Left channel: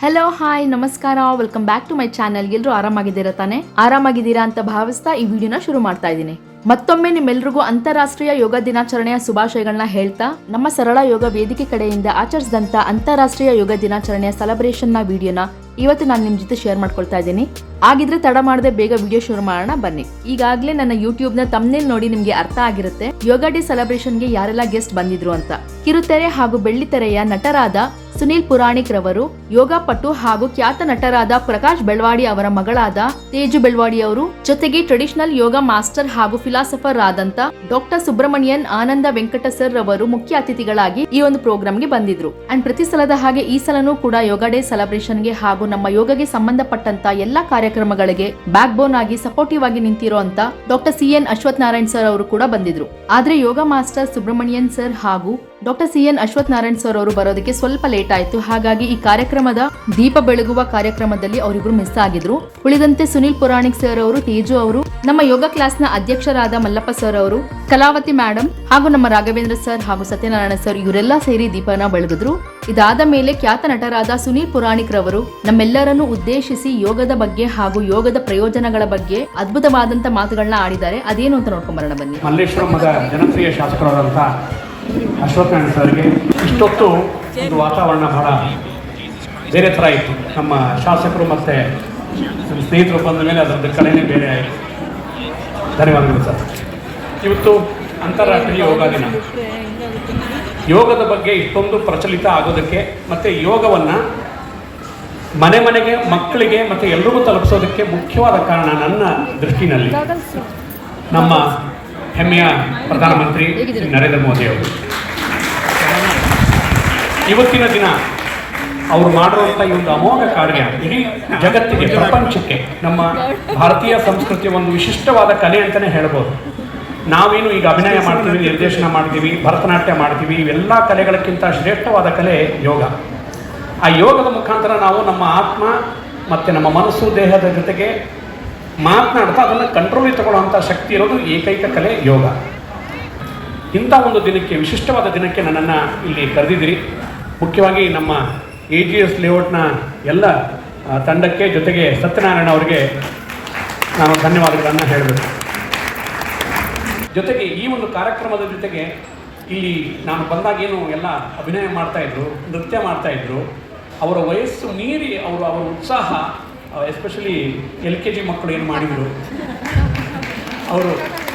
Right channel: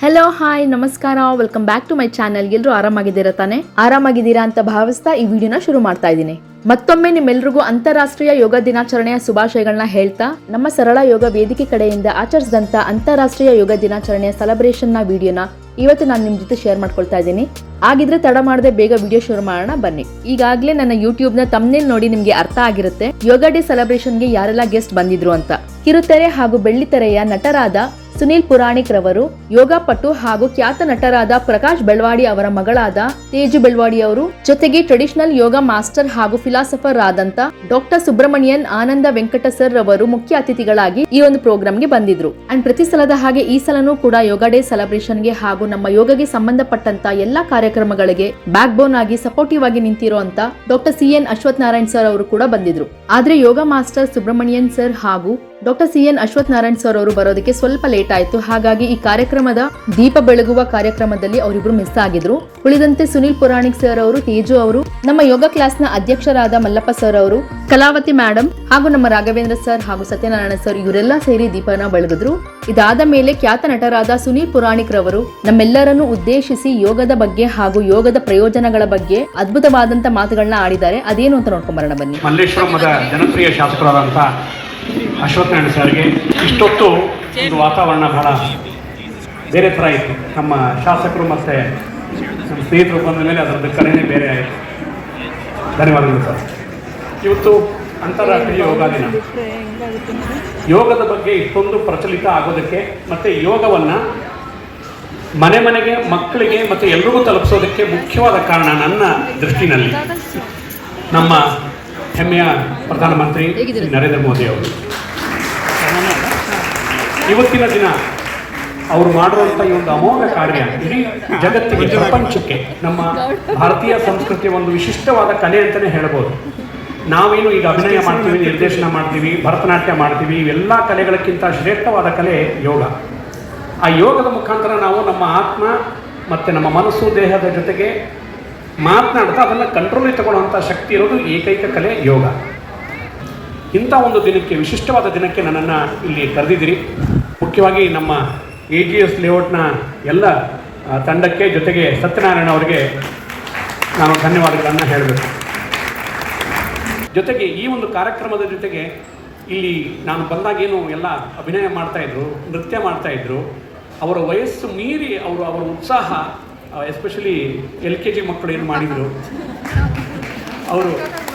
Hello hi ನಮಸ್ಕಾರ, welcome back to my channel. ಎಲ್ಲರೂ ಆರಾಮಾಗಿದ್ದೀರಾ ತಾನೆ? ಆರಾಮಾಗಿದ್ದೀರಾ ಅಂತ ಭಾವಿಸ್ತಾ ಈ ವಿಡಿಯೋನ ಶುರು ಮಾಡ್ತಾ ಇದ್ದೀನಿ. ಮತ್ತೊಮ್ಮೆ ನಿಮ್ಮೆಲ್ರಿಗೂ ಅಂತಾರಾಷ್ಟ್ರೀಯ ಯೋಗ ದಿನಾಚರಣೆಯ ಶುಭಾಶಯಗಳನ್ನ ಹೇಳ್ತಾ, ನಮ್ಮ ಸರಳ ಯೋಗ ವೇದಿಕೆ ಕಡೆಯಿಂದ ಆಚರಿಸಿದಂತ ಅಂತಾರಾಷ್ಟ್ರೀಯ ಯೋಗ ದಿನಾಚರಣೆಯ ಸೆಲೆಬ್ರೇಷನ್ ನ ವಿಡಿಯೋನ ಇವತ್ತು ನಾನು ನಿಮ್ ಜೊತೆ ಶೇರ್ ಮಾಡ್ಕೊಳ್ತಾ ಇದ್ದೀನಿ. ಆಗಿದ್ರೆ ತಡ ಮಾಡದೆ ಬೇಗ ವಿಡಿಯೋ ಶುರು ಮಾಡೋಣ ಬನ್ನಿ. ಈಗಾಗಲೇ ನನ್ನ ಯೂಟ್ಯೂಬ್ ನ ತಮ್ನೇಲ್ ನೋಡಿ ನಿಮ್ಗೆ ಅರ್ಥ ಆಗಿರುತ್ತೆ ಯೋಗ ಡೇ ಸೆಲೆಬ್ರೇಷನ್ ಗೆ ಯಾರೆಲ್ಲ ಗೆಸ್ಟ್ ಬಂದಿದ್ರು ಅಂತ. ಕಿರುತೆರೆ ಹಾಗೂ ಬೆಳ್ಳಿತೆರೆಯ ನಟರಾದ ಸುನೀಲ್ ಪುರಾಣಿಕ್ ರವರು, ಯೋಗ ಪಟು ಹಾಗೂ ಖ್ಯಾತ ನಟರಾದ ಪ್ರಕಾಶ್ ಬೆಳ್ವಾಡಿ ಅವರ ಮಗಳಾದ ತೇಜು ಬೆಳ್ವಾಡಿ ಅವರು, ಜೊತೆಗೆ ಟ್ರೆಡಿಷನಲ್ ಯೋಗ ಮಾಸ್ಟರ್ ಹಾಗೂ ಫಿಲಾಸಫರ್ ಆದಂತ ಡಾಕ್ಟರ್ ಸುಬ್ರಮಣಿಯನ್ ಆನಂದ ವೆಂಕಟ ಸರ್ ರವರು ಮುಖ್ಯ ಅತಿಥಿಗಳಾಗಿ ಈ ಒಂದು ಪ್ರೋಗ್ರಾಮ್ಗೆ ಬಂದಿದ್ರು. ಅಂಡ್ ಪ್ರತಿ ಸಲದ ಹಾಗೆ ಈ ಸಲನೂ ಕೂಡ ಯೋಗ ಡೇ ಸೆಲೆಬ್ರೇಷನ್ಗೆ ಹಾಗೂ ನಮ್ಮ ಯೋಗಗೆ ಸಂಬಂಧಪಟ್ಟಂತ ಎಲ್ಲಾ ಕಾರ್ಯಕ್ರಮಗಳಿಗೆ ಬ್ಯಾಕ್ ಬೋನ್ ಆಗಿ ಸಪೋರ್ಟಿವ್ ಆಗಿ ನಿಂತಿರೋ ಅಂತ doctor CN Ashwath Narayan sir ಅವರು ಕೂಡ ಬಂದಿದ್ರು. ಆದ್ರೆ ಯೋಗ ಮಾಸ್ಟರ್ ಸುಬ್ರಮಣಿಯನ್ ಸರ್ ಹಾಗೂ doctor CN Ashwath Narayan sir ಅವರು ಬರೋದಕ್ಕೆ ಸ್ವಲ್ಪ ಲೇಟ್ ಆಯ್ತು. ಹಾಗಾಗಿ ಈ ಕಾರ್ಯಕ್ರಮದ ದೀಪ ಬೆಳಗುವ ಕಾರ್ಯಕ್ರಮದಲ್ಲಿ ಅವರಿಬ್ರು ಮಿಸ್ ಆಗಿದ್ರು. ಉಳಿದಂತೆ ಸುನೀಲ್ ಪುರಾಣಿಕ್ ಸರ್ ಅವರು, ತೇಜು ಅವರು, ನಮ್ಮ ಯೋಗ ಕ್ಲಾಸ್ ನ ಅಧ್ಯಕ್ಷರಾದ ಮಲ್ಲಪ್ಪ ಸರ್ ಅವರು, ಕಲಾವತಿ ಮೇಡಮ್ ಹಾಗೂ ನಮ್ಮ ರಾಘವೇಂದ್ರ ಸರ್ ಹಾಗೂ ಸತ್ಯನಾರಾಯಣ ಸರ್ ಇವರೆಲ್ಲ ಸೇರಿ ದೀಪನ ಬೆಳಗಿದ್ರು. ಇದಾದ ಮೇಲೆ ಖ್ಯಾತ ನಟರಾದ ಸುನೀಲ್ ಪುರಾಣಿಕ್ ರವರು ನಮ್ಮೆಲ್ಲರನ್ನು ಉದ್ದೇಶಿಸಿ ಯೋಗದ ಬಗ್ಗೆ ಹಾಗೂ ಯೋಗದ ಪ್ರಯೋಜನಗಳ ಬಗ್ಗೆ ಅದ್ಭುತವಾದಂತ ಮಾತುಗಳನ್ನ ಆಡಿದ್ದಾರೆ. ಅದೇನು ಅಂತ ನೋಡ್ಕೊಂಡ್ ಬರೋಣ ಬನ್ನಿ. ಮಲ್ಲೇಶ್ವರಮದ ಜನಪ್ರಿಯ ಶಾಸಕರಾದಂಥ ಅಶ್ವಥ್ ನಾರಾಯಣ್ ಸರ್ಗೆ ಇಷ್ಟೊತ್ತು ಒಂದು ವಾತಾವರಣ ಬಹಳ ಬೇರೆ ಥರ ಇತ್ತು. ನಮ್ಮ ಶಾಸಕರು ಮತ್ತು ನಮ್ಮ ಸ್ನೇಹಿತರು ಬಂದ ಮೇಲೆ ಅದರದ್ದು ಕಲೆನೇ ಬೇರೆ ಆಯಿತು. ಧನ್ಯವಾದಗಳು ಸರ್. ಇವತ್ತು ಅಂತಾರಾಷ್ಟ್ರೀಯ ಯೋಗ ದಿನ. ಯೋಗದ ಬಗ್ಗೆ ಇಷ್ಟೊಂದು ಪ್ರಚಲಿತ ಆಗೋದಕ್ಕೆ ಮತ್ತು ಯೋಗವನ್ನು ಮನೆ ಮನೆಗೆ, ಮಕ್ಕಳಿಗೆ ಮತ್ತು ಎಲ್ಲರಿಗೂ ತಲುಪಿಸೋದಕ್ಕೆ ಮುಖ್ಯವಾದ ಕಾರಣ ನನ್ನ ದೃಷ್ಟಿನಲ್ಲಿ ನಮ್ಮ ಹೆಮ್ಮೆಯ ಪ್ರಧಾನಮಂತ್ರಿ ನರೇಂದ್ರ ಮೋದಿ ಅವರು. ಇವತ್ತಿನ ದಿನ ಅವರು ಮಾಡಿರುವಂಥ ಈ ಒಂದು ಅಮೋಘ ಕಾರ್ಯ ಇಡೀ ಜಗತ್ತಿಗೆ, ಪ್ರಪಂಚಕ್ಕೆ ನಮ್ಮ ಭಾರತೀಯ ಸಂಸ್ಕೃತಿಯ ಒಂದು ವಿಶಿಷ್ಟವಾದ ಕಲೆ ಅಂತಲೇ ಹೇಳ್ಬೋದು. ನಾವೇನು ಈಗ ಅಭಿನಯ ಮಾಡ್ತೀವಿ, ನಿರ್ದೇಶನ ಮಾಡ್ತೀವಿ, ಭರತನಾಟ್ಯ ಮಾಡ್ತೀವಿ, ಇವೆಲ್ಲ ಕಲೆಗಳಕ್ಕಿಂತ ಶ್ರೇಷ್ಠವಾದ ಕಲೆ ಯೋಗ. ಆ ಯೋಗದ ಮುಖಾಂತರ ನಾವು ನಮ್ಮ ಆತ್ಮ ಮತ್ತು ನಮ್ಮ ಮನಸ್ಸು, ದೇಹದ ಜೊತೆಗೆ ಮಾತನಾಡ್ತಾ ಅದನ್ನು ಕಂಟ್ರೋಲಿಗೆ ತಗೊಳ್ಳುವಂಥ ಶಕ್ತಿ ಇರೋದು ಏಕೈಕ ಕಲೆ ಯೋಗ. ಇಂಥ ಒಂದು ದಿನಕ್ಕೆ, ವಿಶಿಷ್ಟವಾದ ದಿನಕ್ಕೆ ನನ್ನನ್ನು ಇಲ್ಲಿ ಕರೆದಿದ್ದೀರಿ. ಮುಖ್ಯವಾಗಿ ನಮ್ಮ AGS ಲೇಔಟ್ನ ಎಲ್ಲ ತಂಡಕ್ಕೆ, ಜೊತೆಗೆ ಸತ್ಯನಾರಾಯಣ ಅವರಿಗೆ ನಾನು ಧನ್ಯವಾದಗಳನ್ನು ಹೇಳಬೇಕು. ಜೊತೆಗೆ ಈ ಒಂದು ಕಾರ್ಯಕ್ರಮದ ಜೊತೆಗೆ ಇಲ್ಲಿ ನಾನು ಬಂದಾಗೇನು ಎಲ್ಲ ಅಭಿನಯ ಮಾಡ್ತಾಯಿದ್ರು, ನೃತ್ಯ ಮಾಡ್ತಾಯಿದ್ರು, ಅವರ ವಯಸ್ಸು ಮೀರಿ ಅವರ ಉತ್ಸಾಹ, ಎಸ್ಪೆಷಲಿ LKG ಮಕ್ಕಳು ಏನು ಮಾಡಿದರು ಅವರು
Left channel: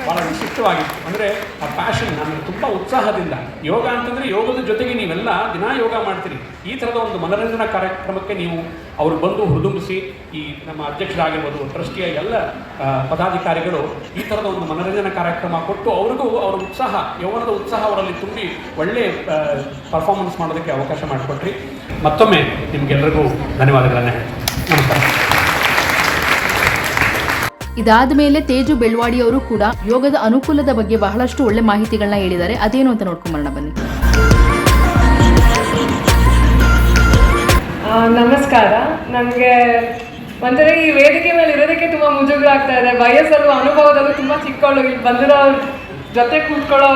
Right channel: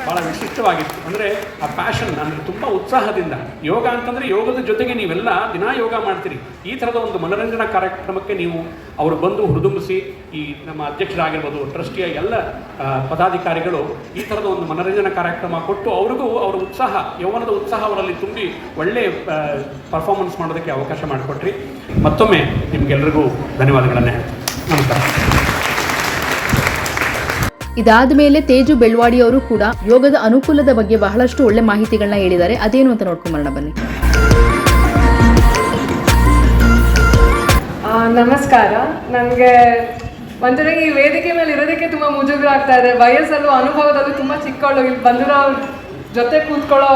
ಭಾಳ ವಿಶಿಷ್ಟವಾಗಿತ್ತು. ಅಂದರೆ ಆ ಪ್ಯಾಷನ್, ನನಗೆ ತುಂಬ ಉತ್ಸಾಹದಿಂದ ಯೋಗ ಅಂತಂದರೆ ಯೋಗದ ಜೊತೆಗೆ ನೀವೆಲ್ಲ ದಿನ ಯೋಗ ಮಾಡ್ತೀರಿ. ಈ ಥರದ ಒಂದು ಮನರಂಜನಾ ಕಾರ್ಯಕ್ರಮಕ್ಕೆ ನೀವು ಅವರು ಬಂದು ಹುರಿದುಂಬಿಸಿ, ಈ ನಮ್ಮ ಅಧ್ಯಕ್ಷರಾಗಿರ್ಬೋದು, ಟ್ರಸ್ಟಿಯ ಎಲ್ಲ ಪದಾಧಿಕಾರಿಗಳು ಈ ಥರದ ಒಂದು ಮನರಂಜನಾ ಕಾರ್ಯಕ್ರಮ ಕೊಟ್ಟು ಅವ್ರಿಗೂ ಅವರ ಉತ್ಸಾಹ, ಯೌವನದ ಉತ್ಸಾಹ ಅವರಲ್ಲಿ ತುಂಬಿ ಒಳ್ಳೆಯ ಪರ್ಫಾರ್ಮೆನ್ಸ್ ಮಾಡೋದಕ್ಕೆ ಅವಕಾಶ ಮಾಡಿಕೊಟ್ರಿ. ಮತ್ತೊಮ್ಮೆ ನಿಮಗೆಲ್ಲರಿಗೂ ಧನ್ಯವಾದಗಳನ್ನು. ನಮಸ್ಕಾರ. ಇದಾದ ಮೇಲೆ ತೇಜು ಬೆಳ್ವಾಡಿ ಅವರು ಕೂಡ ಯೋಗದ ಅನುಕೂಲದ ಬಗ್ಗೆ ಬಹಳಷ್ಟು ಒಳ್ಳೆ ಮಾಹಿತಿಗಳನ್ನ ಹೇಳಿದ್ದಾರೆ. ಅದೇನು ಅಂತ ನೋಡ್ಕೊಂಬರೋಣ ಬನ್ನಿ. ನಮಸ್ಕಾರ. ನನಗೆ ಒಂಥರ ಈ ವೇದಿಕೆ ಮೇಲೆ ಇರೋದಕ್ಕೆ ತುಂಬ ಮುಜುಗರ ಆಗ್ತಾ ಇದೆ. ವಯಸ್ಸಲ್ಲೂ ಅನುಭವದಲ್ಲೂ ತುಂಬ ಚಿಕ್ಕವಳು. ಇಲ್ಲಿ ಬಂದಿರೋ ಜೊತೆ ಕೂತ್ಕೊಳ್ಳೋ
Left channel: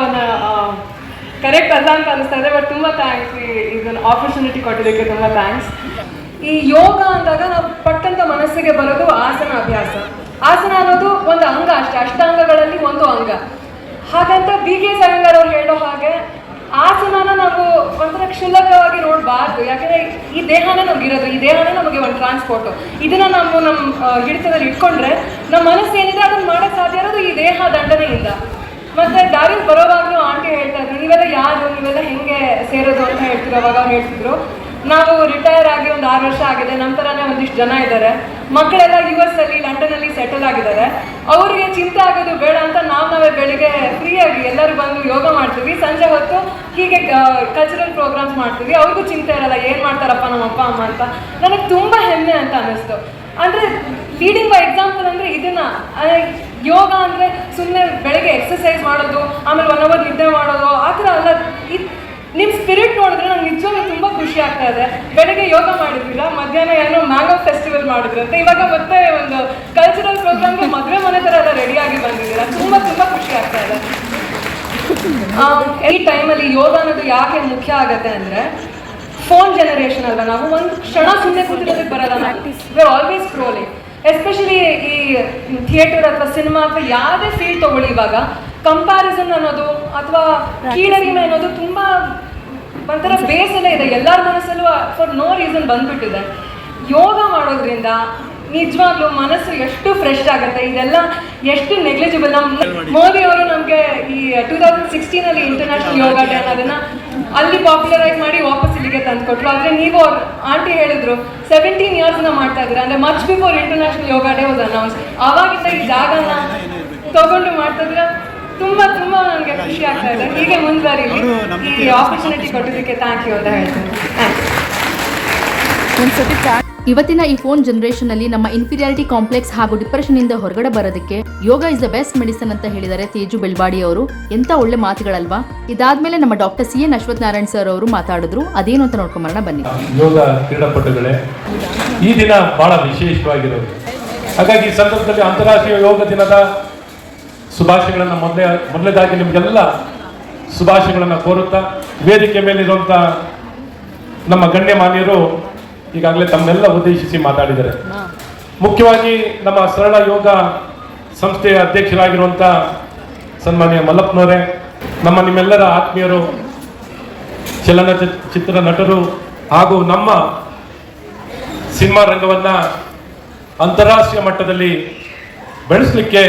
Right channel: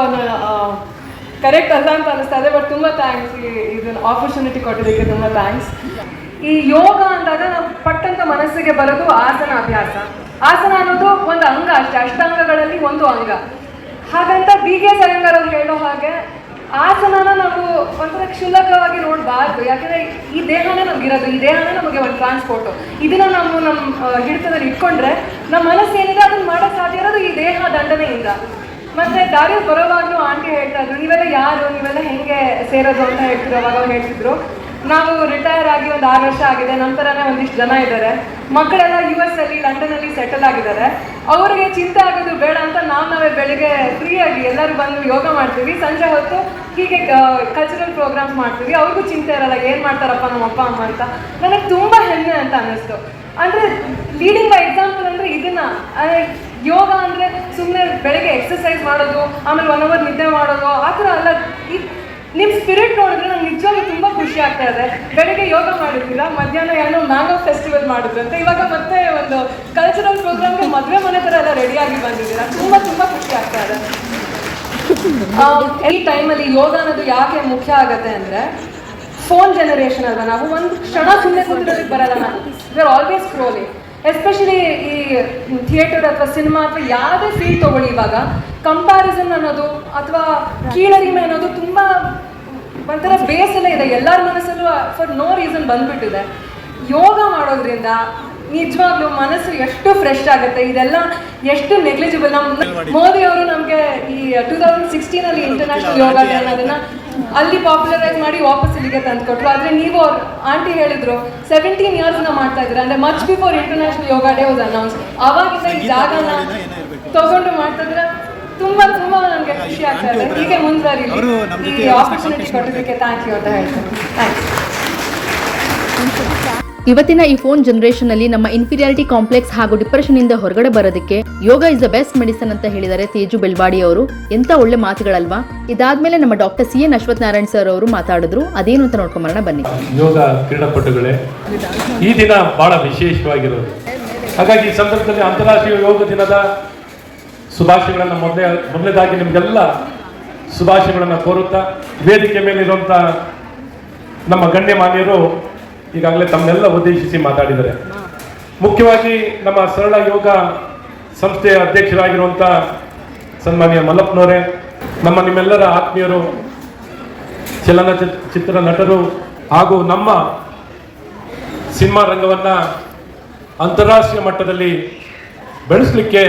ಕರೆಕ್ಟ್ ಅಲ್ಲ ಅಂತ ಅನಿಸ್ತಾ ಇದೆ. ಬಟ್ ತುಂಬ ಥ್ಯಾಂಕ್ಸ್, ಇದನ್ನು ಆಪರ್ಚುನಿಟಿ ಕೊಟ್ಟಿದ್ದಕ್ಕೆ ತುಂಬ ಥ್ಯಾಂಕ್ಸ್. ಈ ಯೋಗ ಅಂದಾಗ ನಾವು ಪಟ್ಟಂತ ಮನಸ್ಸಿಗೆ ಬರೋದು ಆಸನ ಅಭ್ಯಾಸ. ಆಸನ ಅನ್ನೋದು ಒಂದು ಅಂಗ ಅಷ್ಟೇ, ಅಷ್ಟಾಂಗಗಳಲ್ಲಿ ಒಂದು ಅಂಗ. ಹಾಗಂತ BK ಸರಂಗರ್ ಅವ್ರು ಹೇಳೋ ಹಾಗೆ ಆಸನನ ನಾವು ಒಂಥರ ಕ್ಷುಲ್ಲಕವಾಗಿ ನೋಡಬಾರ್ದು. ಯಾಕಂದರೆ ಈ ದೇಹನೇ ನಮಗಿರೋದು, ಈ ದೇಹನೇ ನಮಗೆ ಒಂದು ಟ್ರಾನ್ಸ್ಪೋರ್ಟು. ಇದನ್ನು ನಾವು ನಮ್ಮ ಹಿಡಿತದಲ್ಲಿ ಇಟ್ಕೊಂಡ್ರೆ ನಮ್ಮ ಮನಸ್ಸು ಏನಿದೆ ಅದನ್ನು ಮಾಡೋಕ್ಕೆ ಸಾಧ್ಯ ಇರೋದು ಈ ದೇಹ ದಂಡನೆಯಿಂದ. ಮತ್ತು ದಾರಿ ಬರೋವಾಗಲೂ ಆಂಟಿ ಹೇಳ್ತಾ ಇದ್ರು, ನೀವೆಲ್ಲ ಯಾರು, ನೀವೆಲ್ಲ ಹೆಂಗೆ ಸೇರೋದು ಅಂತ ಹೇಳ್ತಿದ್ರು. ಅವಾಗ ಹೇಳ್ತಿದ್ರು, ನಾವು ರಿಟೈರ್ ಆಗಿ ಒಂದು 6 ವರ್ಷ ಆಗಿದೆ, ನಮ್ಮ ಥರನೇ ಒಂದಿಷ್ಟು ಜನ ಇದ್ದಾರೆ, ಮಕ್ಕಳೆಲ್ಲ US ಅಲ್ಲಿ, ಲಂಡನಲ್ಲಿ ಸೆಟಲ್ ಆಗಿದ್ದಾರೆ. ಅವರಿಗೆ ಚಿಂತೆ ಆಗೋದು ಬೇಡ ಅಂತ ನಾವೇ ಬೆಳಿಗ್ಗೆ ಫ್ರೀಯಾಗಿ ಎಲ್ಲರೂ ಬಂದು ಯೋಗ ಮಾಡ್ತೀವಿ. ಸಂಜೆ ಹೊತ್ತು ಹೀಗೆ ಕಲ್ಚರಲ್ ಪ್ರೋಗ್ರಾಮ್ಸ್ ಮಾಡ್ತೀವಿ. ಅವ್ರಿಗೂ ಚಿಂತೆ ಇರಲ್ಲ, ಏನು ಮಾಡ್ತಾರಪ್ಪ ನಮ್ಮ ಅಪ್ಪ ಅಮ್ಮ ಅಂತ. ನನಗೆ ತುಂಬ ಹೆಮ್ಮೆ ಅಂತ ಅನ್ನಿಸ್ತು. ಅಂದರೆ ಲೀಡಿಂಗ್ ಬೈ ಎಕ್ಸಾಂಪಲ್ ಅಂದರೆ ಇದನ್ನು, ಯೋಗ ಅಂದರೆ ಸುಮ್ಮನೆ ಬೆಳಗ್ಗೆ ಎಕ್ಸಸೈಸ್ ಮಾಡೋದು, ಆಮೇಲೆ 1 hour ನಿದ್ದೆ ಮಾಡೋದು ಆ ಥರ ಅಲ್ಲ. ನಿಮ್ಮ ಸ್ಪಿರಿಟ್ ನೋಡಿದ್ರೆ ನಂಗೆ ನಿಜವಾಗ್ಲೂ ತುಂಬ ಖುಷಿ ಆಗ್ತಾ ಇದೆ. ಬೆಳಗ್ಗೆ ಯೋಗ ಮಾಡಿದ್ದಿಲ್ಲ, ಮಧ್ಯಾಹ್ನ ಏನೋ ಮ್ಯಾಂಗೋ ಫೆಸ್ಟಿವಲ್ ಮಾಡಿದ್ರಂತೆ, ಇವಾಗ ಮತ್ತೆ ಒಂದು ಕಲ್ಚರಲ್ ಪ್ರೋಗ್ರಾಮ್ಗೆ ಮದುವೆ ಮನೆ ಥರ ಎಲ್ಲ ರೆಡಿಯಾಗಿ ಬಂದಿದ್ದೀರ. ತುಂಬ ತುಂಬ ಖುಷಿ ಆಗ್ತಾ ಇದೆ. ಈ ಟೈಮಲ್ಲಿ ಯೋಗ ಅನ್ನೋದು ಯಾಕೆ ಮುಖ್ಯ ಆಗುತ್ತೆ ಅಂದರೆ ಫೋನ್ ಜನರೇಷನ್ ಅಲ್ವಾ ನಾವು, ಒಂದು ಕ್ಷಣ ಸುಮ್ಮನೆ ಕೂತಿರೋದಕ್ಕೆ ಬರಲ್ಲ ನಾವು, we are always scrolling. Especially ಈ ಥಿಯೇಟರ್ ಅಥವಾ ಸಿನಿಮಾ ಅಥವಾ ಯಾವುದೇ ಫೀಲ್ಡ್ ತಗೊಳ್ಳಿ, ಇವಾಗ ಕಂಪ್ಯಾರಿಸನ್ ಅನ್ನೋದು ಅಥವಾ ಕೀಳರಿಮೆ ಅನ್ನೋದು ತುಂಬ ಒಂಥರ ಬೇಸಲ್ಲೇ ಇದೆ ಎಲ್ಲರ ಮನಸ್ಸಲ್ಲೂ, ಫಾರ್ ನೋ ರೀಸನ್ ಬಂದ್ಬಿಟ್ಟಿದೆ. ಯೋಗ ಮಾಡೋದ್ರಿಂದ ನಿಜವಾಗ್ಲೂ ಮನಸ್ಸು ಎಷ್ಟು ಫ್ರೆಶ್ ಆಗುತ್ತೆ, ಇದೆಲ್ಲ ಎಷ್ಟು ನೆಗ್ಲಿಜಿಬಲ್. ನಮ್ಮ ಮೋದಿ ಅವರು ನಮಗೆ ಈ 2016 ಇಂಟರ್ನ್ಯಾಷನಲ್ ಯೋಗ ಡೇ ಅನ್ನೋದನ್ನ ಅಲ್ಲಿ ಪಾಪ್ಯುಲರೈಸ್ ಮಾಡಿ ವಾಪಸ್ ಇಲ್ಲಿಗೆ ತಂದುಕೊಟ್ರು. ಆದರೆ ನೀವು ಆಂಟಿ ಹೇಳಿದ್ರು 17 years ಮಾಡ್ತಾ ಇದ್ದೀರಾ, ಅಂದರೆ much before international yoga day was announce. ಆವಾಗಿಂದ ಈ ಜಾಗನ ತಗೊಂಡು ಮಾಡ್ತಾ ಇದ್ದೀರಾ, ತುಂಬ ತುಂಬ ನನಗೆ ಖುಷಿ ಆಗ್ತಾ ಇದೆ. ಹೀಗೆ ಮುಂದುವರಿ, ಈ ಆಪರ್ಚುನಿಟಿ ಕೊಟ್ಟಿದ್ದಕ್ಕೆ ಥ್ಯಾಂಕ್ ಯು ಅಂತ ಹೇಳ್ತೀನಿ. ಥ್ಯಾಂಕ್ಸ್. ಇವತ್ತಿನ ಈ ಫೋನ್ ಜನರೇಷನ್ ಅಲ್ಲಿ ನಮ್ಮ ಇನ್ಫೀರಿಯಾರಿಟಿ ಕಾಂಪ್ಲೆಕ್ಸ್ ಹಾಗೂ ಡಿಪ್ರೆಷನ್ ಇಂದ ಹೊರಗಡೆ ಬರೋದಕ್ಕೆ ಯೋಗ ಇಸ್ ದ ಬೆಸ್ಟ್ ಮೆಡಿಸನ್ ಅಂತ ಹೇಳಿದ್ದಾರೆ ತೇಜು ಬೆಳ್ವಾಡಿ ಅವರು. ಎಂತ ಒಳ್ಳೆ ಮಾತುಗಳಲ್ವಾ. ಇದಾದ್ಮೇಲೆ ನಮ್ಮ doctor CN Ashwath Narayan sir ಅವರು ಮಾತಾಡಿದ್ರು. ಅದೇನು ಅಂತ ನೋಡ್ಕೊಂಬರೋಣ ಬನ್ನಿ. ಯೋಗ ಕ್ರೀಡಾಪಟುಗಳೇ, ಈ ದಿನ ಬಹಳ ವಿಶೇಷವಾಗಿರೋದು. ಹಾಗಾಗಿ ಈ ಸಂದರ್ಭದಲ್ಲಿ ಅಂತಾರಾಷ್ಟ್ರೀಯ ಯೋಗ ದಿನದ ಶುಭಾಶಯಗಳನ್ನು ಮೊದಲೇದಾಗಿ ನಿಮಗೆಲ್ಲ ಶುಭಾಶಯಗಳನ್ನು ಕೋರುತ್ತಾ, ವೇದಿಕೆ ಮೇಲಿರುವಂಥ ನಮ್ಮ ಗಣ್ಯಮಾನ್ಯರು ಈಗಾಗಲೇ ತಮ್ಮೆಲ್ಲ ಉದ್ದೇಶಿಸಿ ಮಾತಾಡಿದ್ದಾರೆ. ಮುಖ್ಯವಾಗಿ ನಮ್ಮ ಸರಳ ಯೋಗ ಸಂಸ್ಥೆಯ ಅಧ್ಯಕ್ಷರಾಗಿರುವಂಥ ಸನ್ಮಾನ್ಯ ಮಲ್ಲಪ್ಪನವರೇ, ನಿಮ್ಮೆಲ್ಲರ ಆತ್ಮೀಯರು, ಚಲನಚಿತ್ರ ನಟರು ಹಾಗೂ ನಮ್ಮ ಸಿನಿಮಾ ರಂಗವನ್ನು ಅಂತಾರಾಷ್ಟ್ರೀಯ ಮಟ್ಟದಲ್ಲಿ ಬೆಳೆಸಲಿಕ್ಕೆ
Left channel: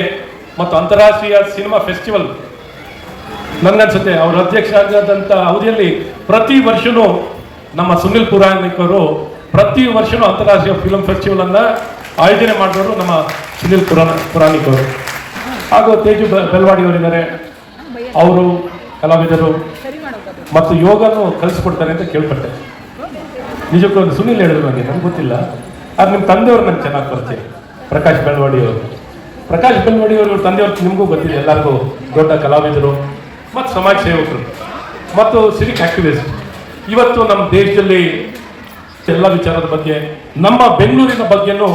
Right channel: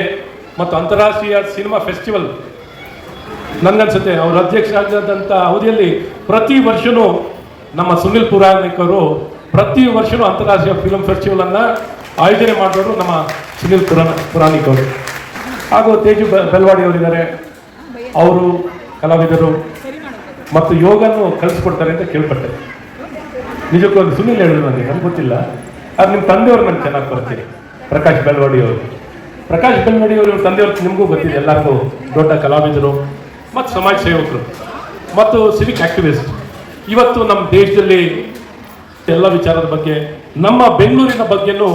ಮತ್ತು ಅಂತಾರಾಷ್ಟ್ರೀಯ ಸಿನಿಮಾ ಫೆಸ್ಟಿವಲ್ ನನ್ನನ್ಸುತ್ತೆ ಅವರು ಅಧ್ಯಕ್ಷರಾದಂಥ ಅವಧಿಯಲ್ಲಿ ಪ್ರತಿ ವರ್ಷವೂ ನಮ್ಮ ಸುನಿಲ್ ಪುರಾಣಿಕರು ಪ್ರತಿ ವರ್ಷವೂ ಅಂತಾರಾಷ್ಟ್ರೀಯ ಫಿಲ್ಮ್ ಫೆಸ್ಟಿವಲನ್ನು ಆಯೋಜನೆ ಮಾಡಿದವರು ನಮ್ಮ ಸುನಿಲ್ ಪುರಾಣಿಕವರು. ಹಾಗೂ ತೇಜು ಬೆಳ್ವಾಡಿ ಅವರಿದ್ದಾರೆ, ಅವರು ಕಲಾವಿದರು ಮತ್ತು ಯೋಗನ್ನು ಕಲಿಸ್ಕೊಡ್ತಾರೆ ಅಂತ ಕೇಳ್ಪಟ್ಟೆ. ನಿಜಕ್ಕೂ ಒಂದು ಸುನಿಲ್ ಹೇಳಿದ್ರು ನನಗೆ ಗೊತ್ತಿಲ್ಲ, ಅದು ನಿಮ್ಮ ತಂದೆಯವರು ನಂಗೆ ಚೆನ್ನಾಗಿ ಬರ್ತೀವಿ. ಪ್ರಕಾಶ್ ಬೆಳ್ವಾಡಿ ಅವರು ತಂದೆಯವ್ರು ನಿಮಗೂ ಗೊತ್ತಿದೆ, ಎಲ್ಲರಿಗೂ ದೊಡ್ಡ ಕಲಾವಿದರು ಮತ್ತು ಸಮಾಜ ಸೇವಕರು ಮತ್ತು ಸಿವಿಕ್ ಆಕ್ಟಿವಿಸ್ಟ್. ಇವತ್ತು ನಮ್ಮ ದೇಶದಲ್ಲಿ ಎಲ್ಲ ವಿಚಾರದ ಬಗ್ಗೆ, ನಮ್ಮ ಬೆಂಗಳೂರಿನ ಬಗ್ಗೆನೂ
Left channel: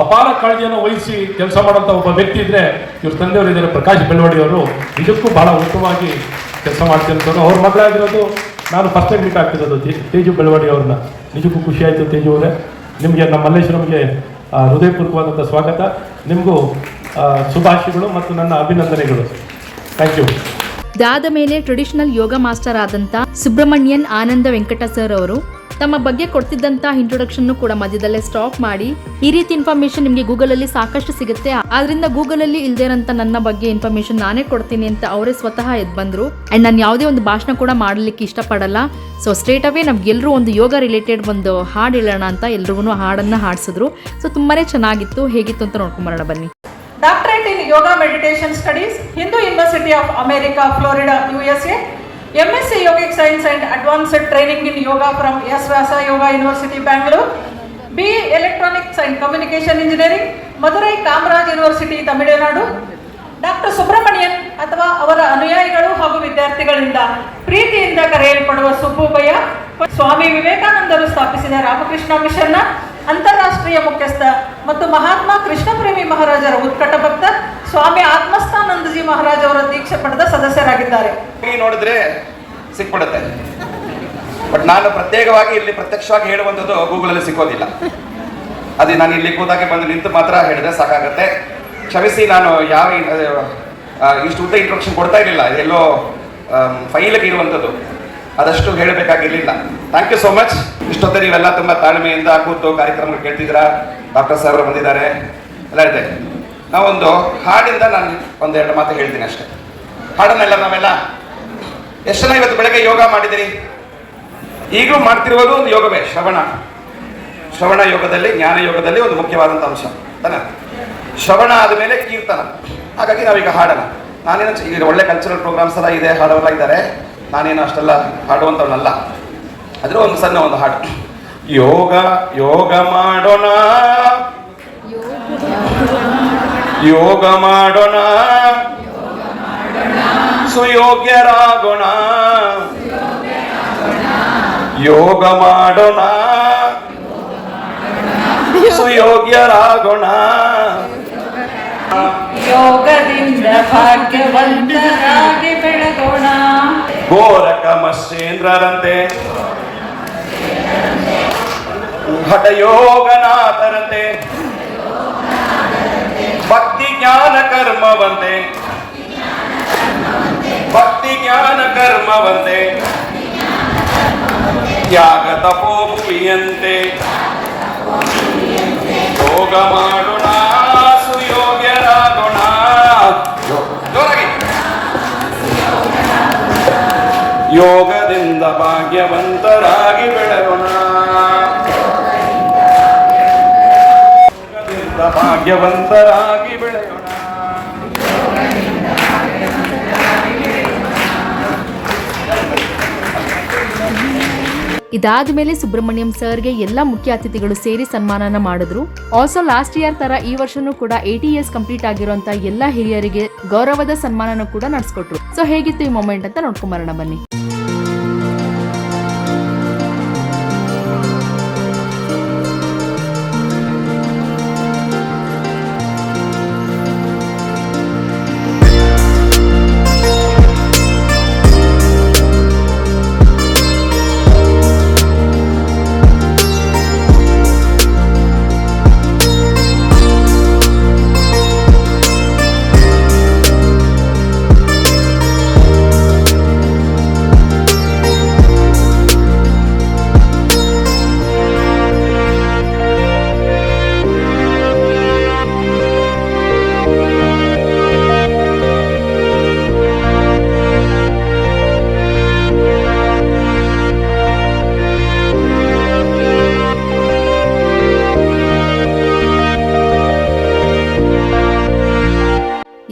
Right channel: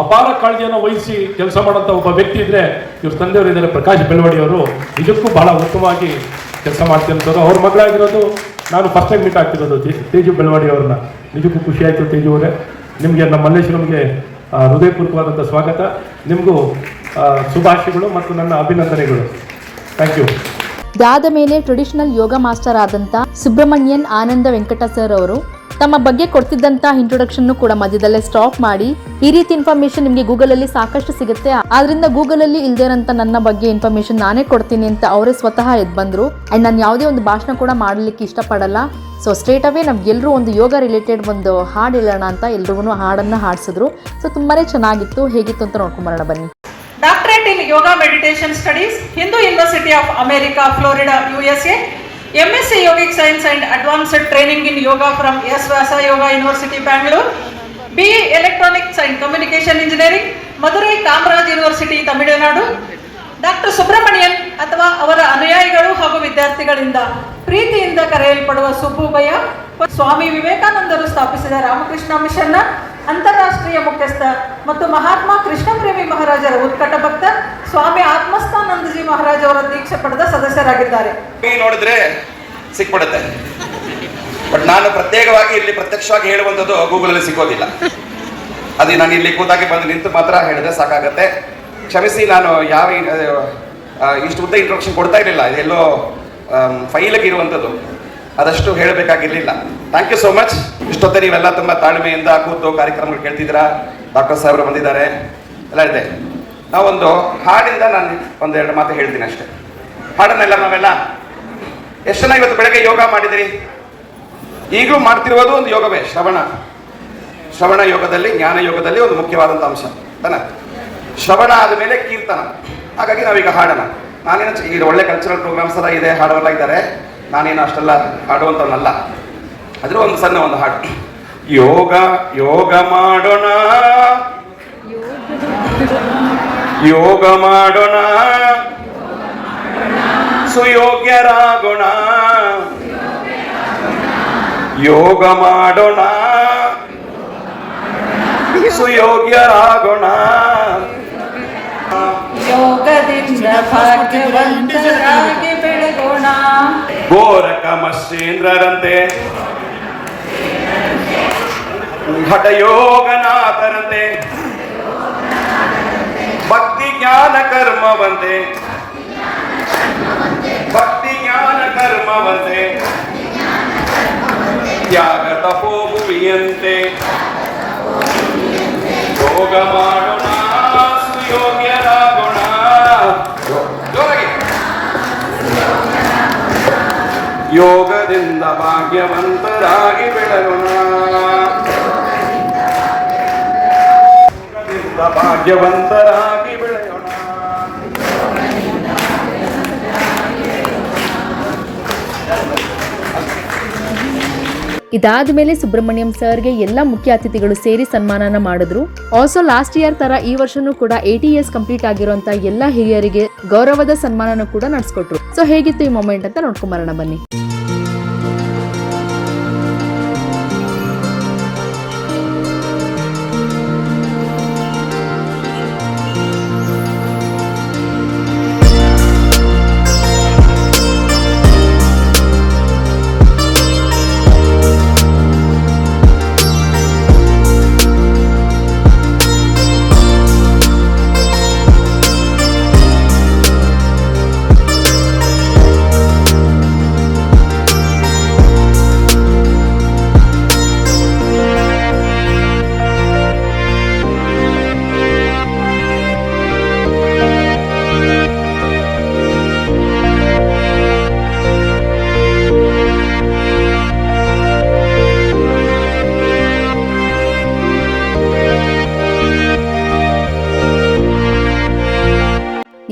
ಅಪಾರ ಕಾಳಜಿಯನ್ನು ವಹಿಸಿ ಕೆಲಸ ಮಾಡುವಂಥ ಒಬ್ಬ ವ್ಯಕ್ತಿ ಇದ್ದರೆ ಇವ್ರ ತಂದೆಯವರು ಇದ್ದಾರೆ, ಪ್ರಕಾಶ್ ಬೆಳ್ವಾಡಿ ಅವರು. ಇದಕ್ಕೂ ಬಹಳ ಉತ್ತಮವಾಗಿ ಕೆಲಸ ಮಾಡ್ತಿರ್ತಾರೆ. ಅವ್ರ ಮಗಳಾಗಿರೋದು ನಾನು ಫಸ್ಟ್ ಟೈಮ್ ಮೀಟ್ ಆಗ್ತಿರೋದು ತೇಜು ಬೆಳ್ವಾಡಿ ಅವ್ರನ್ನ. ನಿಜಕ್ಕೂ ಖುಷಿ ಆಯಿತು ತೇಜು ಅವರೇ. ನಿಮಗೆ ನಮ್ಮ ಮಲ್ಲೇಶ್ವರಂಗೆ ಹೃದಯಪೂರ್ವಕವಾದಂಥ ಸ್ವಾಗತ. ನಿಮಗೂ ಶುಭಾಶಯಗಳು ಮತ್ತು ನನ್ನ ಅಭಿನಂದನೆಗಳು. Thank you. ಇದಾದ ಮೇಲೆ ಟ್ರೆಡಿಷನಲ್ ಯೋಗ ಮಾಸ್ಟರ್ ಆದಂಥ ಸುಬ್ರಹ್ಮಣ್ಯನ್ ಆನಂದ ವೆಂಕಟ ಸರ್ ಅವರು ತಮ್ಮ ಬಗ್ಗೆ ಕೊಡ್ತಿದ್ದಂಥ ಇಂಟ್ರೊಡಕ್ಷನ್ ಕೂಡ ಮಧ್ಯದಲ್ಲೇ ಸ್ಟಾಪ್ ಮಾಡಿ, ಈ ರೀತಿ ಇನ್ಫಾರ್ಮೇಶನ್ ನಿಮಗೆ ಗೂಗಲಲ್ಲಿ ಸಾಕಷ್ಟು ಸಿಗುತ್ತೆ, ಆದ್ರಿಂದ ಗೂಗಲಲ್ಲಿ ಇಲ್ಲದೇ ಇರೋಂಥ ನನ್ನ ಬಗ್ಗೆ ಇನ್ಫಾರ್ಮೇಶನ್ ನಾನೇ ಕೊಡ್ತೀನಿ ಅಂತ ಅವರೇ ಸ್ವತಃ ಎದ್ದು ಬಂದರು. ಆ್ಯಂಡ್ ನಾನು ಯಾವುದೇ ಒಂದು ಭಾಷಣ ಕೂಡ ಮಾಡಲಿಕ್ಕೆ ಇಷ್ಟಪಡಲ್ಲ. ಸೊ ಸ್ಟ್ರೇಟ್ ಅವೇ ನಮ್ಗೆಲ್ಲರೂ ಒಂದು ಯೋಗ ರಿಲೇಟೆಡ್ ಒಂದು ಹಾಡು ಹೇಳೋಣ ಅಂತ ಎಲ್ರಿಗೂ ಹಾಡನ್ನು ಹಾಡಿಸಿದ್ರು. ಸೊ ತುಂಬಾ ಚೆನ್ನಾಗಿತ್ತು. ಹೇಗಿತ್ತು ಅಂತ ನೋಡ್ಕೊಂಬರೋಣ ಬನ್ನಿ. Doctorate in Yoga Meditation Studies, Hindu University of America, Florida, USA. MSc Yogic Science and Advanced Training in Yoga from S. Vyasa Yoga University, Bangalore. BE Electronics and Communication Engineering, Madurai Kamaraj University, Tamil Nadu. Doctor Subrahmanyan ಅಥವಾ ಅವರ ಅನುಯಾಯಿಗಳು ಹಾಗೂ ವಿದ್ಯಾರ್ಥಿಗಳಿಂದ ಪ್ರೀತಿಯಿಂದ ಕರೆಯಲ್ಪಡುವ ಸುಬ್ಬುಬಯ್ಯ, ಸ್ವಾಮಿ ವಿವೇಕಾನಂದರು ಸ್ಥಾಪಿಸಿದ ರಾಮಕೃಷ್ಣ ಮಿಷನ್ನ ಅಂತಾರಾಷ್ಟ್ರೀಯ ಮುಖ್ಯಸ್ಥ ಮತ್ತು ಮಹಾತ್ಮ ಕೃಷ್ಣ ಪ್ರೇಮಿ ಮಹಾರಾಜರ ಉತ್ಕಟ ಭಕ್ತ, ಸ್ವಾಮಿ ಆತ್ಮಸ್ಥಾನಂದಜಿ ಮಹಾರಾಜ್ ಅವರ ದೀಕ್ಷೆ ಪಡೆದ ಸದಸ್ಯರಾಗಿದ್ದಾರೆ. ನೋಡಿದ್ರೆ ಸಿಕ್ಬಿಡುತ್ತೆ, ಬಟ್ ನಾನು ಪ್ರತ್ಯೇಕವಾಗಿ ಇಲ್ಲಿ ಪ್ರತ್ಯಕ್ಷವಾಗಿ ಹೇಳುವಂಥದ್ದು ಗೂಗಲಲ್ಲಿ ಸಿಗೋದಿಲ್ಲ. ಅದೇ ನಾನು ಇಲ್ಲಿ ಕೂತಾಗೆ ಬಂದು ನಿಂತು ಮಾತ್ರ ಹೇಳಿದ್ರೆ ಸಾಕಾಗತ್ತೆ. ಕ್ಷಮಿಸಿ, ನಾನು ಯಾವ ಇಷ್ಟು ಉದ್ದ ಇಂಟ್ರೊಡಕ್ಷನ್ ಕೊಡ್ತಾ ಇರಲಿಲ್ಲ, ಎಲ್ಲೋ ಫೈಲಿಗೆ ಇರುವಂಥದ್ದು, ಅದಷ್ಟು ಹೇಳಬೇಕಾಗಿರಲಿಲ್ಲ. Thank you so much. ಇಷ್ಟೊತ್ತೆ ನೀವೆಲ್ಲ ತುಂಬ ತಾಳ್ಮೆಯಿಂದ ಕೂತು ಕಾರ್ಯಕ್ರಮಗಳು ಕೇಳ್ತಿದ್ದೀರಾ. ಡಾಕ್ಟರ್ ಸಾಹೇಬರು ಬಂದಿದ್ದಾರೆ, ಎಲ್ಲ ಇದೆ. ನಾವೊಂದು ಹಾಡಿಂದ ನಾನು ಒಂದೆರಡು ಮಾತು ಹೇಳ್ತೀನಿ ಅಷ್ಟೇ. ಹಾಡನ್ನೆಲ್ಲ ನಾವೆಲ್ಲ ಎಷ್ಟು ಜನ ಇವತ್ತು ಬೆಳಗ್ಗೆ ಯೋಗ ಮಾಡಿದಿರಿ? ಈಗಲೂ ಮಾಡ್ತಿರುವುದು ಒಂದು ಯೋಗವೇ, ಶ್ರವಣ ಯೋಗದಲ್ಲಿ, ಜ್ಞಾನ ಯೋಗದಲ್ಲಿ ಒಂದು ಮುಖ್ಯವಾದಂಥ ಅಂಶ ತಾನ. ಶ್ರವಣ ಆದ ಮೇಲೆ ಕೀರ್ತನ. ಹಾಗಾಗಿ ನಾವೀಗ ಹಾಡೋಣ. ನಾನೇನು ಈಗ ಒಳ್ಳೆ ಕಲ್ಚರಲ್ ಪ್ರೋಗ್ರಾಮ್ಸ್ ಎಲ್ಲ ಇದೆ, ಹಾಡೋರೆಲ್ಲ ಇದ್ದಾರೆ. ನಾನೇನು ಅಷ್ಟೆಲ್ಲ ಹಾಡುವಂಥವನ್ನಲ್ಲ. ಅದ್ರ ಒಂದು ಸಣ್ಣ ಒಂದು ಹಾಡು. ಯೋಗ ಯೋಗ ಮಾಡೋಣ, ಯೋಗ ಮಾಡೋಣ, ಸುಯೋಗ್ಯರಾಗೋಣ, ಯೋಗ ಮಾಡೋಣ, ಸುಯೋಗ್ಯರಾಗೋಣ. ಯೋಗದಿಂದ ಭಾಗ್ಯವಂತರಾಗಿ ಬೆಳಗೋಣ. ಗೋರಕ ಮತ್ಸ್ಯೇಂದ್ರರಂತೆ ಹಠಯೋಗನಾಥರಂತೆ ಭಕ್ತಿ ಜ್ಞಾನ ಕರ್ಮವಂತೆ ಭಕ್ತಿ ಜ್ಞಾನ ಕರ್ಮವಂತೆ ತ್ಯಾಗ ತಪೋಭುವಿಯಂತೆ ಯೋಗ ಮಾಡೋಣ ಸುಯೋಗ್ಯರಾಗೋಣ. ಯೋಗದಿಂದ ಭಾಗ್ಯವಂತರಾಗಿ ಬೆಳೆಯೋಣ. ಯೋಗದಿಂದ ಭಾಗ್ಯವಂತರಾಗಿ ಬೆಳೆಯೋಣ. ಇದಾದ ಮೇಲೆ ಸುಬ್ರಹ್ಮಣ್ಯಂ ಸರ್ಗೆ ಎಲ್ಲ ಮುಖ್ಯ ಅತಿಥಿಗಳು ಸೇರಿ ಸನ್ಮಾನನ ಮಾಡಿದ್ರು. ಆಲ್ಸೋ ಲಾಸ್ಟ್ ಇಯರ್ ತರ ಈ ವರ್ಷನೂ ಕೂಡ 80 years ಕಂಪ್ಲೀಟ್ ಆಗಿರುವಂತ ಎಲ್ಲ ಹಿರಿಯರಿಗೆ ಗೌರವದ ಸನ್ಮಾನನೂ ಕೂಡ ನಡೆಸ್ಕೊಟ್ರು. ಸೊ ಹೇಗಿತ್ತು ಈ ಮೊಮೆಂಟ್ ಅಂತ ನೋಡ್ಕೊಂಬರೋಣ ಬನ್ನಿ.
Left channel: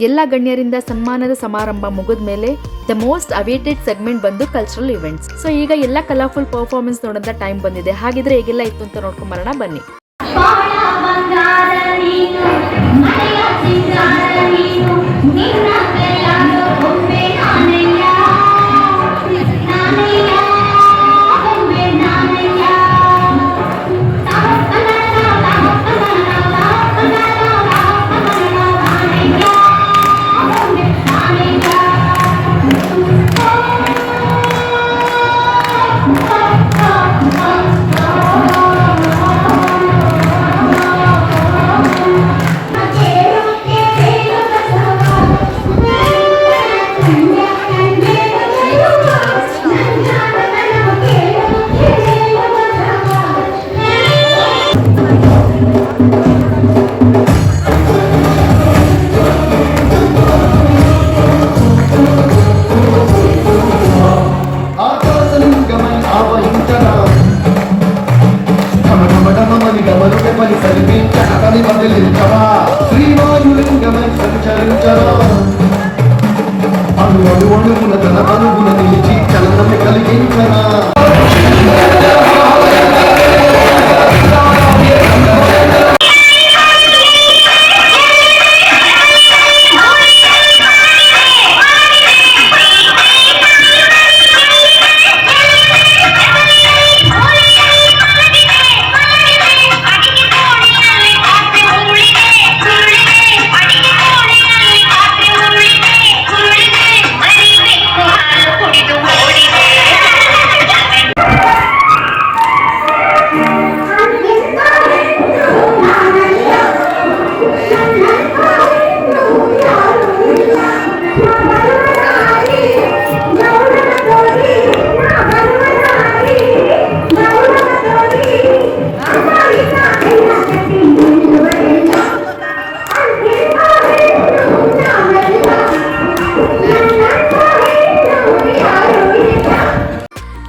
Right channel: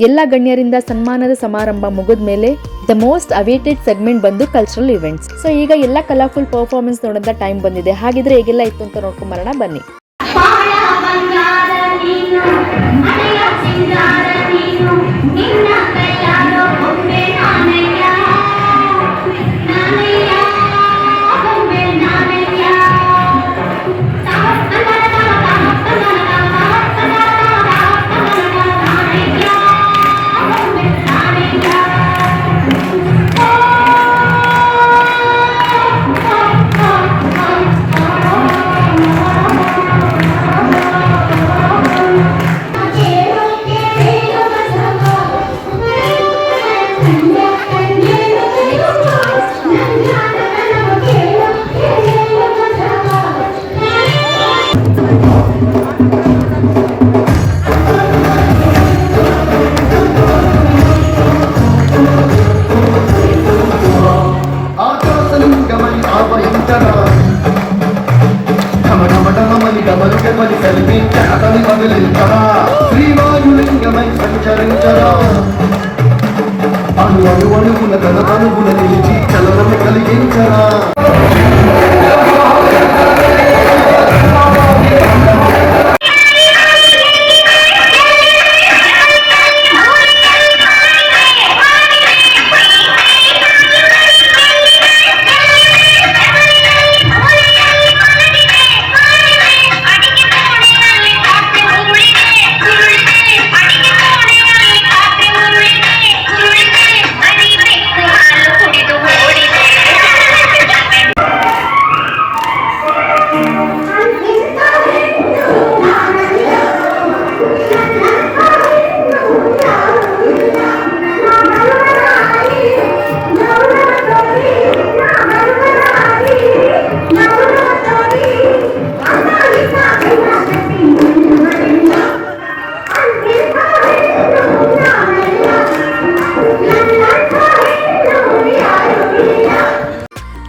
ಎಲ್ಲ ಗಣ್ಯರಿಂದ ಸನ್ಮಾನದ ಸಮಾರಂಭ ಮುಗಿದ ಮೇಲೆ ದ ಮೋಸ್ಟ್ ಅವೇಟೆಡ್ ಸೆಗ್ಮೆಂಟ್ ಬಂದು ಕಲ್ಚರಲ್ ಇವೆಂಟ್ಸ್. ಸೊ ಈಗ ಎಲ್ಲ ಕಲರ್ಫುಲ್ ಪರ್ಫಾರ್ಮೆನ್ಸ್ ನೋಡೋಂಥ ಟೈಮ್ ಬಂದಿದೆ. ಹಾಗಿದ್ರೆ ಹೇಗೆಲ್ಲ ಇತ್ತು ಅಂತ ನೋಡ್ಕೊಂಬರೋಣ ಬನ್ನಿ. శ్రీవాయులింగమై సంచరించరా అణు అణు అణువుల కణ అణువుల నిలిచి చలనము కలిగించరా.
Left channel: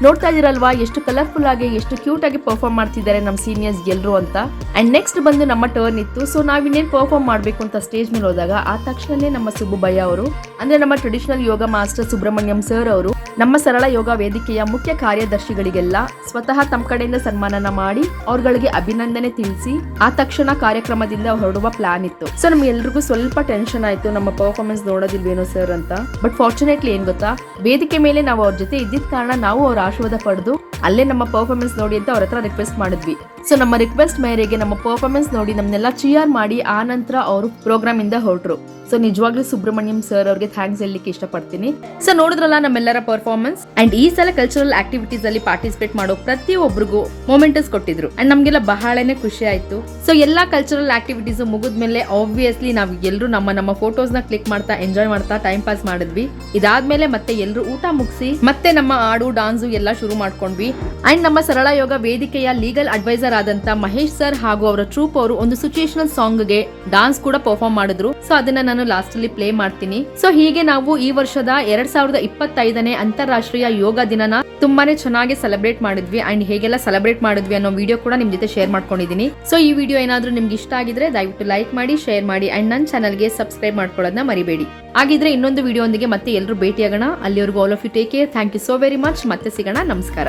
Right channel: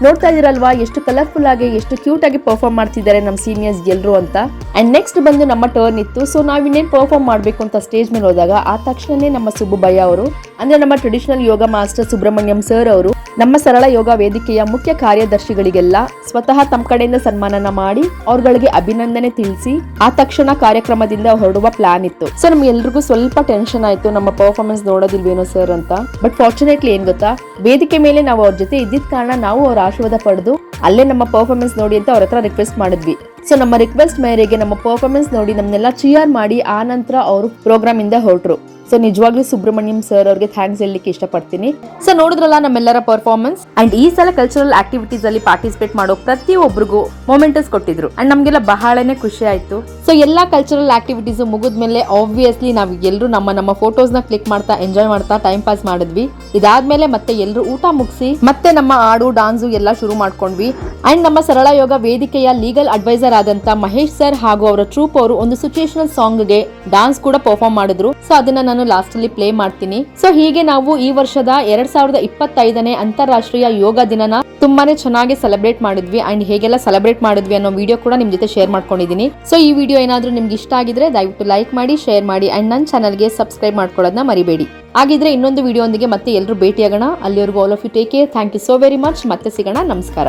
ನೋಡ್ತಾ ಇದೀರಲ್ವಾ ಎಷ್ಟು ಕಲರ್ಫುಲ್ ಆಗಿ ಎಷ್ಟು ಕ್ಯೂಟ್ ಆಗಿ ಪರ್ಫಾರ್ಮ್ ಮಾಡ್ತಿದ್ದಾರೆ ನಮ್ಮ ಸೀನಿಯರ್ಸ್ ಎಲ್ಲರೂ ಅಂತ. ಅಂಡ್ ನೆಕ್ಸ್ಟ್ ಬಂದು ನಮ್ಮ ಟರ್ನ್ ಇತ್ತು. ಸೊ ನಾವಿನ್ನೇನು ಪರ್ಫಾರ್ಮ್ ಮಾಡಬೇಕು ಅಂತ ಸ್ಟೇಜ್ ಮೇಲೆ ಹೋದಾಗ ಆ ತಕ್ಷಣನೇ ನಮ್ಮ ಸುಬ್ಬು ಭಯ್ಯ ಅವರು ಅಂದ್ರೆ ನಮ್ಮ ಟ್ರೆಡಿಷನಲ್ ಯೋಗ ಮಾಸ್ಟರ್ ಸುಬ್ರಹ್ಮಣ್ಯಂ ಸರ್ ಅವರು ನಮ್ಮ ಸರಳ ಯೋಗ ವೇದಿಕೆಯ ಮುಖ್ಯ ಕಾರ್ಯದರ್ಶಿಗಳಿಗೆಲ್ಲ ಸ್ವತಃ ತಮ್ಮ ಕಡೆಯಿಂದ ಸನ್ಮಾನನ ಮಾಡಿ ಅವ್ರಗಳಿಗೆ ಅಭಿನಂದನೆ ತಿಳಿಸಿ ಆ ತಕ್ಷಣ ಕಾರ್ಯಕ್ರಮದಿಂದ ಹೊರಡುವ ಪ್ಲಾನ್ ಇತ್ತು. ಸೊ ನಮ್ಗೆಲ್ರಿಗೂ ಸ್ವಲ್ಪ ಟೆನ್ಷನ್ ಆಯ್ತು, ನಮ್ಮ ಪರ್ಫಾರ್ಮೆನ್ಸ್ ನೋಡೋದಿಲ್ವೇನೋ ಸರ್ ಅಂತ. ಬಟ್ ಫಾರ್ಚುನೇಟ್ಲಿ ಏನ್ ಗೊತ್ತಾ, ವೇದಿಕೆ ಮೇಲೆ ನಾವು ಅವ್ರ ಜೊತೆ ಇದ್ದಿದ್ದ ಕಾರಣ ನಾವು ಅವ್ರ ಆಶೀರ್ವಾದ ಪಡೆದು ಅಲ್ಲೇ ನಮ್ಮ ಪರ್ಫಾರ್ಮೆನ್ಸ್ ನೋಡಿ ಅಂತ ಅವ್ರ ಹತ್ರ ರಿಕ್ವೆಸ್ಟ್ ಮಾಡಿದ್ವಿ. ಸೊ ನಮ್ಮ ರಿಕ್ವೆಸ್ಟ್ ಮೇರೆಗೆ ನಮ್ಮ ಪರ್ಫಾರ್ಮೆನ್ಸ್ ನೋಡಿ ನಮ್ಮನ್ನೆಲ್ಲ ಚಿಯರ್ ಮಾಡಿ ಆ ನಂತರ ಅವರು ಪ್ರೋಗ್ರಾಮ್ ಇಂದ ಹೊರಟ್ರು. ಸೊ ನಿಜವಾಗ್ಲೂ ಸುಬ್ರಹ್ಮಣ್ಯಂ ಸರ್ ಅವ್ರಿಗೆ ಥ್ಯಾಂಕ್ಸ್ ಹೇಳಲಿಕ್ಕೆ ಇಷ್ಟಪಡ್ತೀನಿ. ಸೊ ನೋಡಿದ್ರಲ್ಲ ನಮ್ಮೆಲ್ಲರ ಪರ್ಫಾರ್ಮೆನ್ಸ್ ಅಂಡ್ ಈ ಸಲ ಕಲ್ಚರಲ್ ಆಕ್ಟಿವಿಟೀಸ್ ಅಲ್ಲಿ ಪಾರ್ಟಿಸಿಪೇಟ್ ಮಾಡೋ ಪ್ರತಿಯೊಬ್ಬರಿಗೂ ಮೊಮೆಂಟಸ್ ಕೊಟ್ಟಿದ್ರು ಅಂಡ್ ನಮ್ಗೆಲ್ಲ ಬಹಳನೇ ಖುಷಿ ಆಯ್ತು. ಸೊ ಎಲ್ಲಾ ಕಲ್ಚರಲ್ ಆಕ್ಟಿವಿಟೀಸ್ ಮುಗಿದ್ಮೇಲೆ ಆಬ್ವಿಯಸ್ಲಿ ನಾವು ಎಲ್ಲರೂ ನಮ್ಮ ಫೋಟೋಸ್ ನ ಕ್ಲಿಕ್ ಮಾಡ್ತಾ ಎಂಜಾಯ್ ಮಾಡ್ತಾ ಟೈಮ್ ಪಾಸ್ ಮಾಡಿದ್ವಿ. ಇದಾದ್ಮೇಲೆ ಮತ್ತೆ ಎಲ್ಲರೂ ಊಟ ಮುಗಿಸಿ ಮತ್ತೆ ನಮ್ಮ ಹಾಡು ಡಾನ್ಸು ಎಲ್ಲ ಶುರು ಮಾಡ್ಕೊಂಡ್ವಿ. ಅಂಡ್ ನಮ್ಮ ಸರಳ ಯೋಗ ವೇದಿಕೆಯ ಲೀಗಲ್ ಅಡ್ವೈಸರ್ ಆದಂತ ಮಹೇಶ್ ಸರ್ ಹಾಗೂ ಅವರ ಟ್ರೂಪ್ ಅವರು ಒಂದು ಸಿಚುಯೇಷನಲ್ ಸಾಂಗ್ ಗೆ ಡಾನ್ಸ್ ಕೂಡ ಪರ್ಫಾರ್ಮ್ ಮಾಡಿದ್ರು. ಸೊ ಅದನ್ನ ನಾನು ಲಾಸ್ಟ್ ಅಲ್ಲಿ ಪ್ಲೇ ಮಾಡ್ತೀನಿ. ಸೊ ಹೀಗೆ ನಾವು ಈ ವರ್ಷದ 2025ನೇ ಅಂತಾರಾಷ್ಟ್ರೀಯ ಯೋಗ ದಿನನ ತುಂಬಾನೇ ಚೆನ್ನಾಗಿ ಸೆಲೆಬ್ರೇಟ್ ಮಾಡಿದ್ವಿ ಅಂಡ್ ಹೇಗೆಲ್ಲ ಸೆಲೆಬ್ರೇಟ್ ಮಾಡಿದ್ವಿ ಅನ್ನೋ ವಿಡಿಯೋ ಕೂಡ ನಿಮ್ ಜೊತೆ ಶೇರ್ ಮಾಡ್ಕೊಂಡಿದ್ದೀನಿ. ಸೊ ಈ ವಿಡಿಯೋ ಏನಾದ್ರೂ ನಿಮ್ಗೆ ಇಷ್ಟ ಆಗಿದ್ರೆ ದಯವಿಟ್ಟು ಲೈಕ್ ಮಾಡಿ, ಶೇರ್ ಮಾಡಿ ಅಂಡ್ ನನ್ನ ಚಾನಲ್ಗೆ ಸಬ್ಸ್ಕ್ರೈಬ್ ಮಾಡ್ಕೊಳ್ಳೋದನ್ನ ಮರಿಬೇಡಿ. ಹಾಗಿದ್ರೆ ಇನ್ನೊಂದು ವಿಡಿಯೋ ಒಂದಿಗೆ ಮತ್ತೆ ಎಲ್ಲರೂ ಭೇಟಿಯಾಗೋಣ. ಅಲ್ಲಿವರೆಗೂ all of you take care. Thank you so very much. ಮತ್ತೆ ಸಿಗೋಣ. ನಮಸ್ಕಾರ.